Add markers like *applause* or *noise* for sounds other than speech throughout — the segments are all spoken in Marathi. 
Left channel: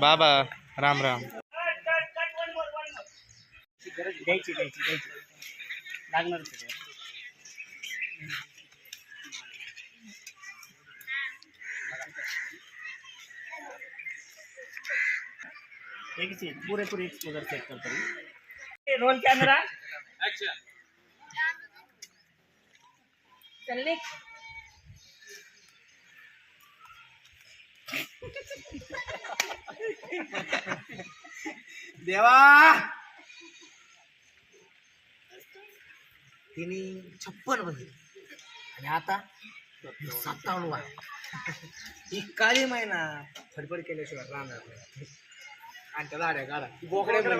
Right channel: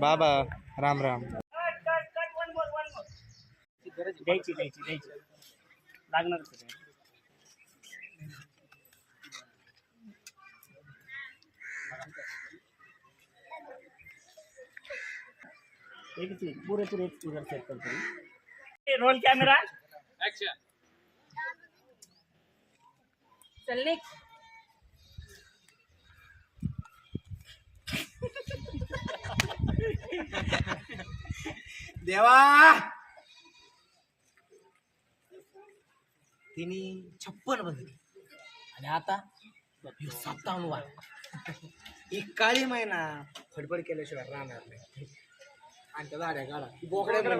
बाबा राम राम. द्यायची द्यायची द्यायची. लागणारच आहे ते. एकच आहे, पुरेपूर एक्सपोजर सेट करतो रोल कॅमेरा चल निघ. देवा! तिने छप्पन बसली आणि आता सत्तावन्न वा ही काळी महिना फडफड केल्याशिवाय राहणार नाही. आणि त्या झाड्या काढा. बोकड्या चल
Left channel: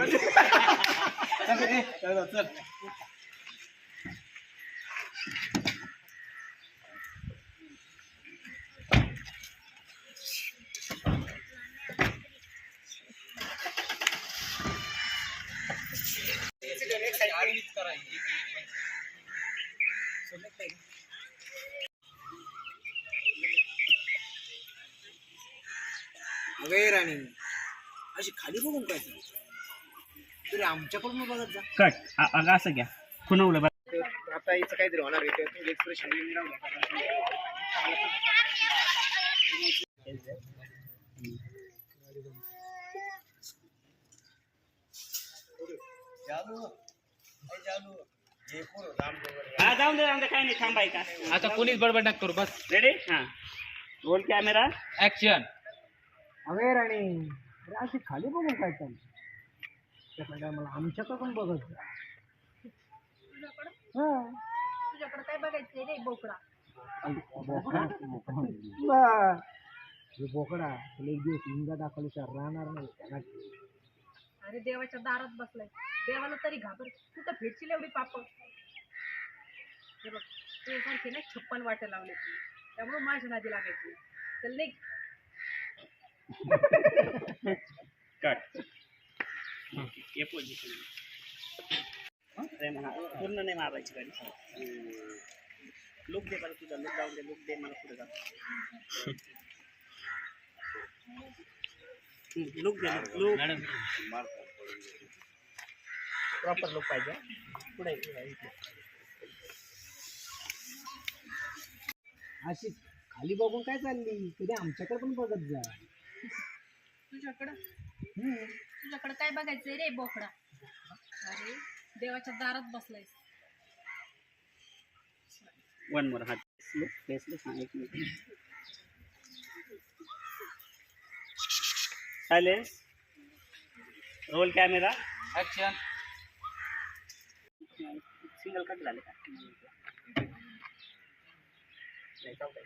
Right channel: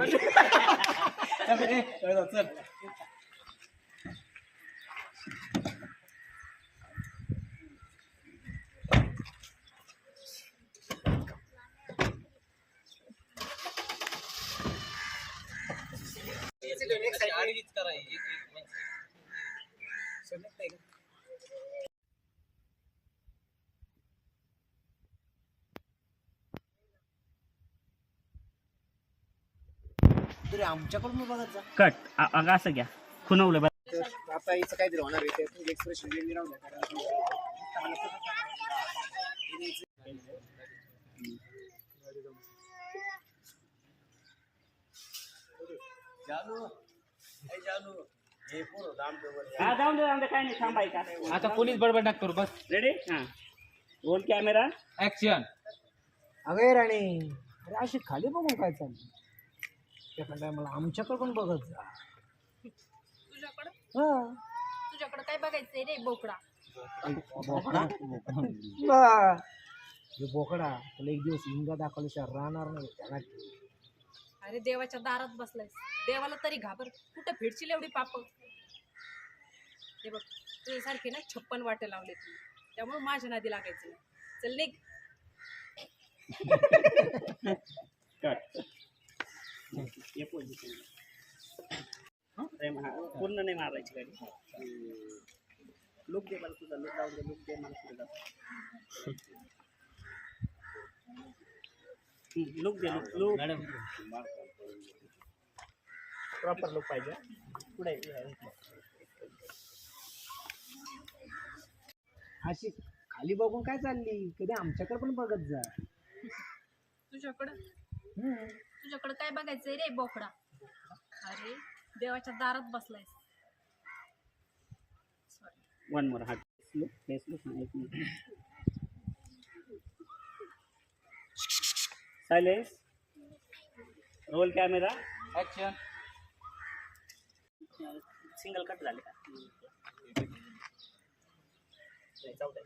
अगे राणी अशी खाली बघून काय? तरी आमच्याकडून बघत जा. कट अ- अगं असं घ्या. खुनवलं बरं तर आता हिचं काहीतरी होणार आहे तुम्ही एक्सप्रेशन द्या कारण हा जाऊन दे जाऊन दे काय नाही थांबाय का? आता कोणीच बडबड नका करू बस. रेडी हा. रोल कॅमेरा ऍक्शन अगे राणी अरे अशी खाली बघून काय चाललं त्या मला आमच्याकडे पण बघत जा. तुझ्याकडं? हा. तुझ्याकडं काय बघायचंय रे बोकडा? बोकडा? बा. हे बोकडा तुला एक दिवस इंगा दाखवल्याशिवाय राहणार नाही. त्याला अरे देवाच्या दारात बसलायस. देवाला तरी घाबर. कुठं फिरशील एवढी पाप? हे बघ तुझ्यासारखे ना छप्पन वाटे लावले तू. त्यामुळे माझ्या नादी लागायचं. चल निघ. पूर्ण नाही मारायची गाडी. लुक दे मला तुझा लुक लावून दे लुक दे मला पुढे जा. लुक लुक प्रॉपर लुक पाहिजे पुढे अशी खाली बघून काय चालली? कधी आमच्याकडे पण बघत जा. तुझ्याकडं? हम्म. तुझ्याकडं काय बघायचंय रे बोकडा? अरे देवाच्या दारात बसलायस. वन मोर हात. लुक फेस लुक हां एक minute silence roll camera. Action single cut झाले का? नाही, जाऊ दे.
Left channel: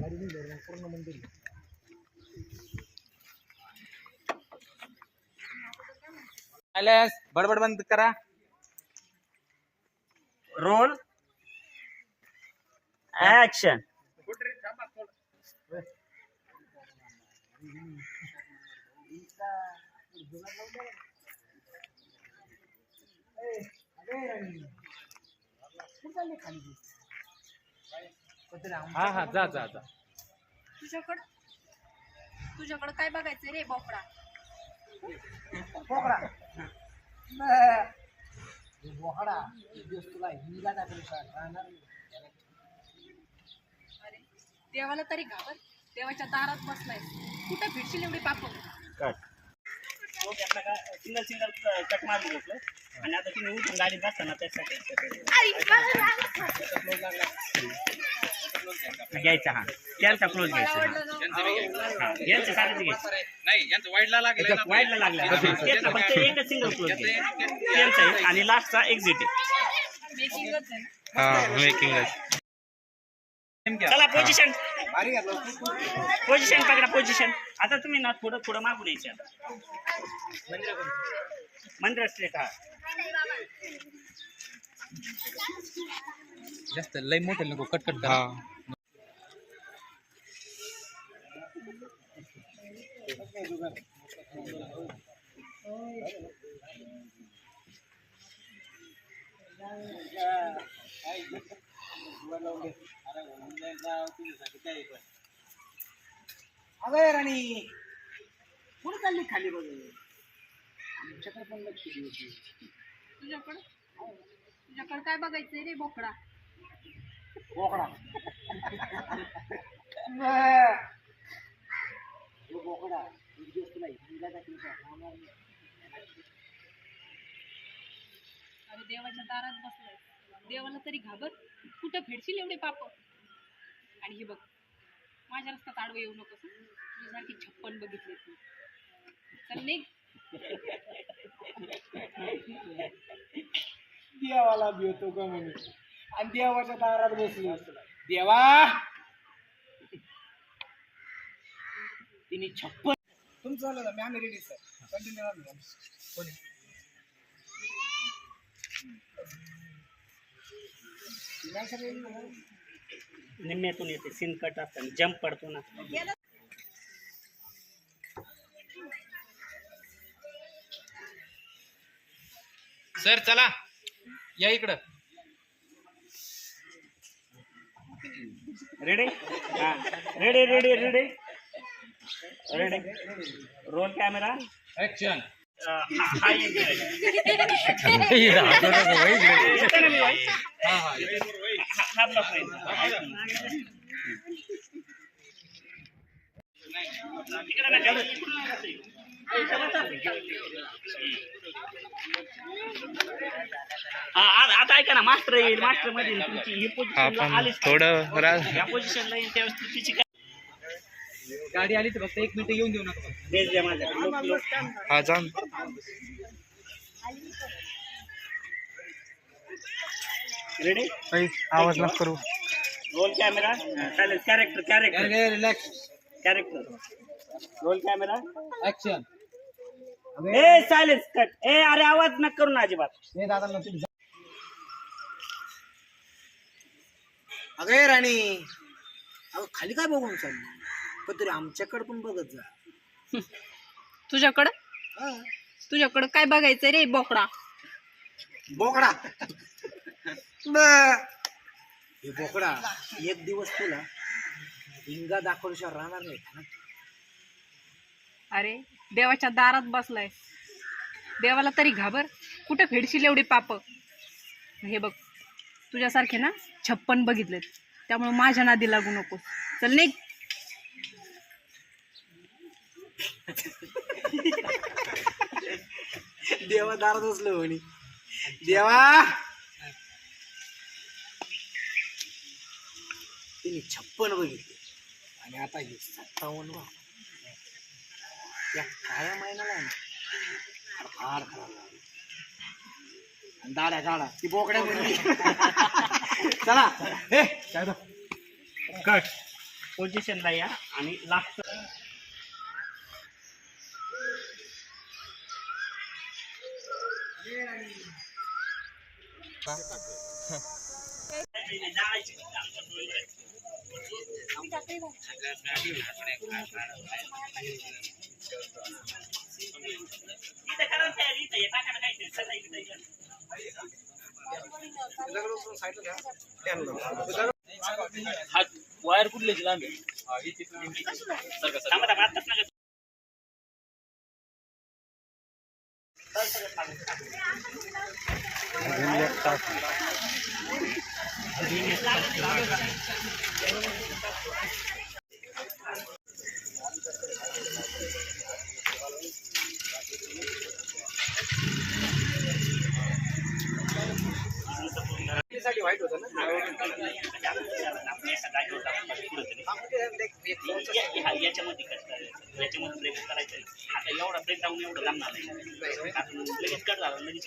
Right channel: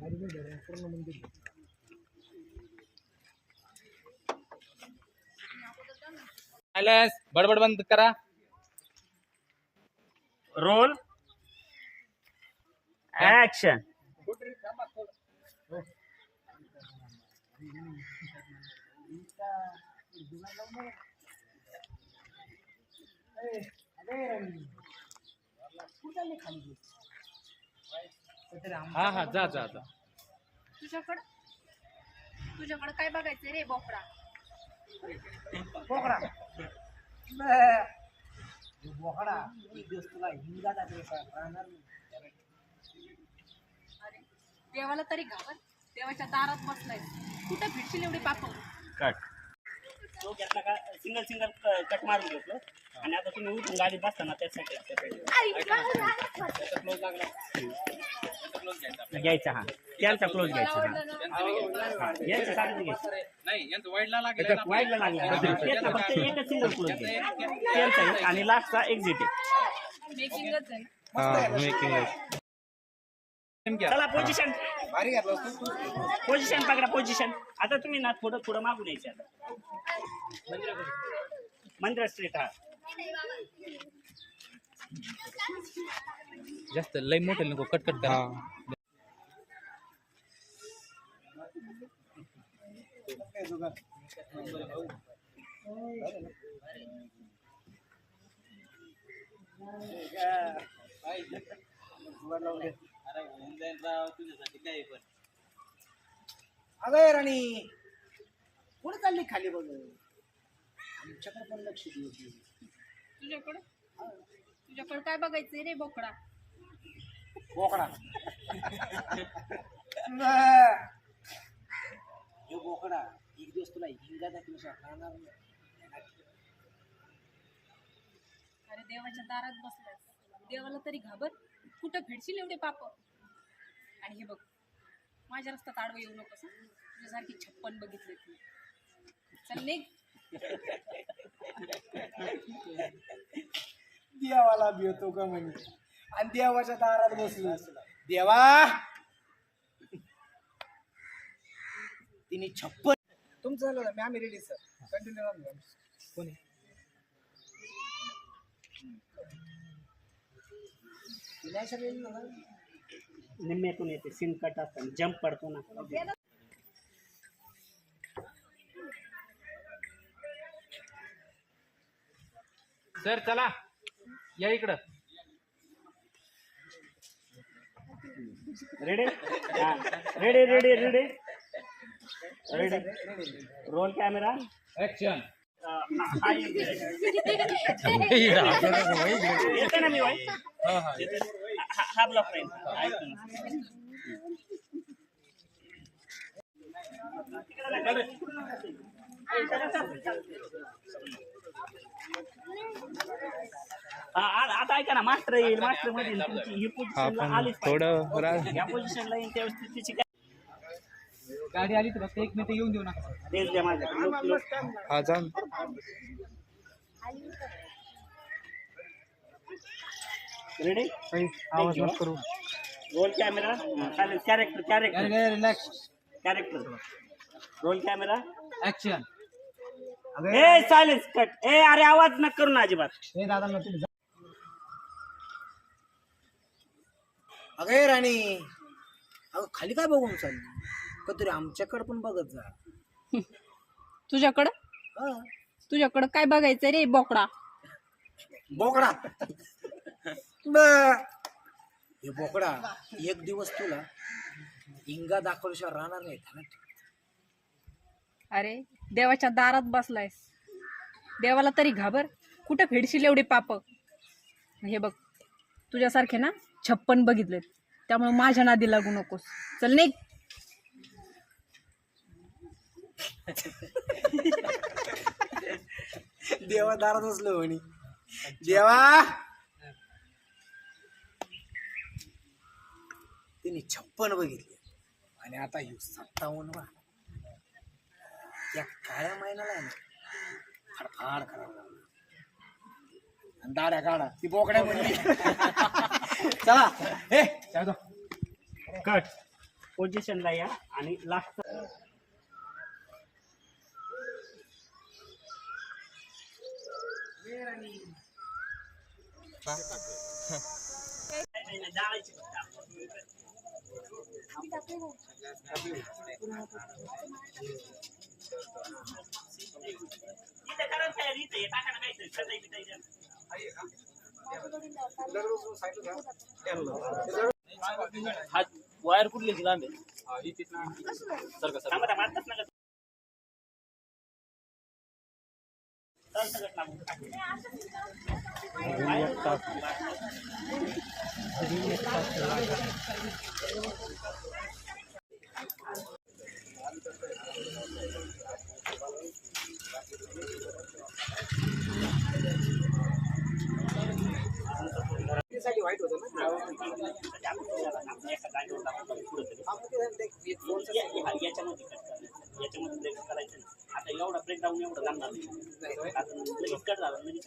गाडी नाही धरून पूर्ण मंदिर आहे. सायलेन्स बडबड बंद करा. रोल. ऍक्शन ए, अगे राणी. कुठं चालली खाली तू? कुठं राम- हा हा जा जा जा. तुझ्याकडं? तुझ्याकडं काय बघायचंय रे बोकडा? बोकडा. बोकडा एक दिवस तुला हिंगा राहणार अरे देवाला तरी घाबर. देवाच्या दारात बसलायस. कुठं फिरशील एवढी पाप? कट तो घेतला का सिंगल सिंगल कट मारून घेतलं. आणि आता तुम्ही उठून गाडीत बसताना त्यासाठी घ्यायचा हा. त्यांचा क्लोज घ्यायचा हा. यांच्या साधीच घ्यायचं. नाही यांचं वाईडला लागलं वाईटला लागला. त्याचा फक्त एकच सिंगल क्लोज त्यांचा आणि लास्टचा एक्झिट आहे. मेकिंगच आहे. ना हा मेकिंग चला पोझिशन पोझिशन पकडा पोझिशन आता तुम्ही ना थोडं थोडं मागून यायचे. आता मंदिर स्ट्रीट हा जास्त लय मोठे नको अगं राणी कुठे चालली खाली बघ? आमच्याकडे पण लक्ष देऊ. तुझ्याकडं? तुझ्याकडं काय बघायचंय रे बोकडा? बोकडा. *laughs* हे बोकडा एक दिवस तुला हिंगा राहणार नाही. अरे देवाच्या दारात बसलाय देवाला तरी घाबर. कुठं फेडशील एवढे पाप? आणि हे बघ माझ्या रस्त्यात आडवं येऊ नकोस हं? तुझ्यासारखी छप्पन बघितले तू. चल निघ. देवाला भिवतो का म्हणे? आणि देवाच्या दारात बसलो. देवा! तिने छप्पन तुमचं झालं ना मी आम्ही रेडी सर कंटिन्यू कोणी? नाही सर येईल ना निम्म्यातून येते सीन कट असताना जम्प पडतो ना। सर चला। या इकडं. रेडी हा. Ready ready ready ready roll camera action येते ना मी बाई हा हा हा. हा ब्लॉक आता ऐका ना मास्टर येईल. मास्टरमध्ये. तुमची ही पोझिशन आलीच थोडं या पोझिशनला येईल त्यावेळेस तुमची काय गाडी आली तर फक्त एक मिनिट येऊन देऊ नका देश द्या माझ्या रेडी आवाज नका करू. रोल कॅमेरा चालेल character character relax character roll camera action ए सायलेन्स कट ए अरे आवाज न करू ना अजिबात. अगे राणी. अगं खाली काय बघून चालली? कधीतरी आमच्याकडे पण बघत जा. तुझ्याकडं? हा. तुझ्याकडं काय बघायचंय रे बोकडा? बोकडा? ब. हे बोकडा एक दिवस तुला हिंगा दाखवल्याशिवाय राहणार नाही अरे देवाच्या दारात बसलाय देवाला तरी घाबर. कुठं फेडशील एवढे पाप? हे बघ तुझ्यासारखे ना छप्पन बघितलेत. त्यामुळे माझ्या नादी लागू नकोस. चल निघ. देवा दारात बसलो म्हणे. देवा! तिने छप्पन बघितले. आणि आता हे सत्तावन्न वा त्या काळ्या महिन्याला आहे ना फार खराब लागला. आणि दाड्या काढा ती बोकड्या म्हणली चला हे. पोझिशनला या आणि लास्ट वायर कुठली लांब आहे सारखं सारखं साठी वाईट होतं ना याच्यामध्ये कट याच्यामध्ये ब्रेक करायचं आता एवढा ब्रेक डाऊन एवढं लागणार नाही. लगेच कट झाला लगेच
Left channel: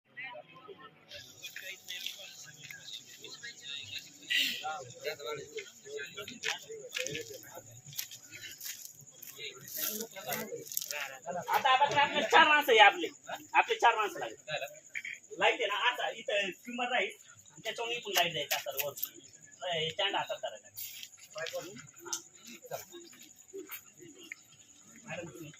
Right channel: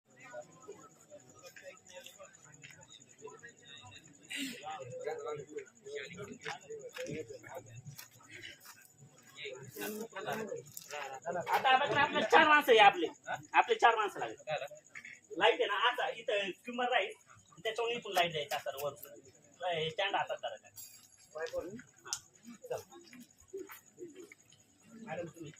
आता आता आपले चार माणसं आहे आपले. आपले चार माणसं लागले. लाइट आहे ना आता इथं किंमत राहील त्याच्यावर इथून लाइट का असतात वर स्टँड हातात करायचा मॅडम तुम्ही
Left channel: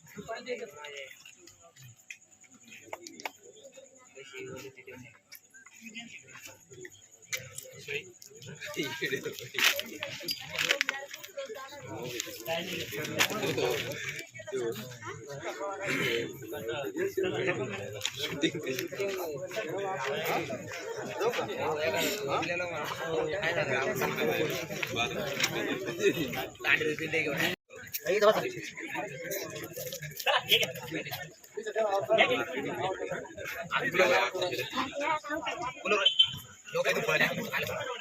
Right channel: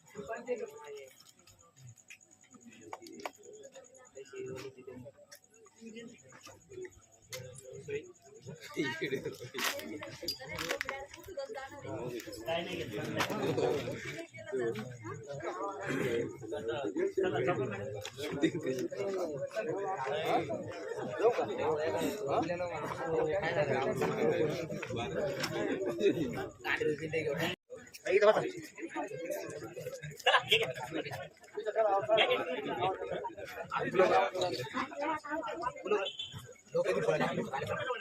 काय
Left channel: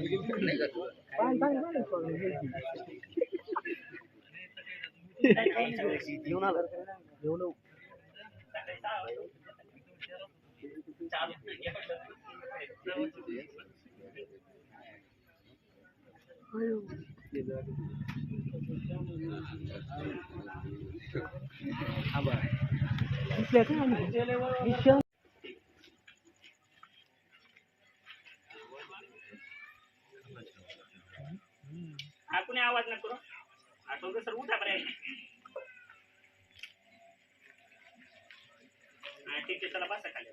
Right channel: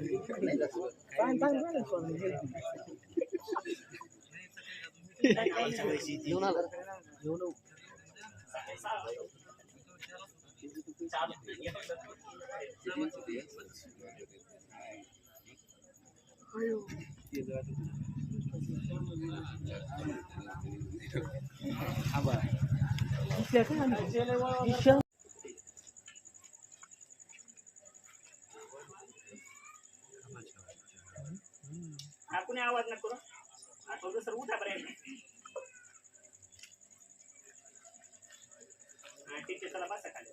घेत. चला, हे घ्या. घ्या, घ्या. हा, इथं- इथले कोणी इकडे या ना, चला. दोघं जण या ना तिथे. इथले लाईटवाले कोण आहे? इकडे. चला, दोन मिनिटं, चला बाई. सकाळी सहा वाजता. चालू. हा, कुणी आवाज ना करू. हा, सर उठा बरं. ठीक आहे, चला बसा खाली.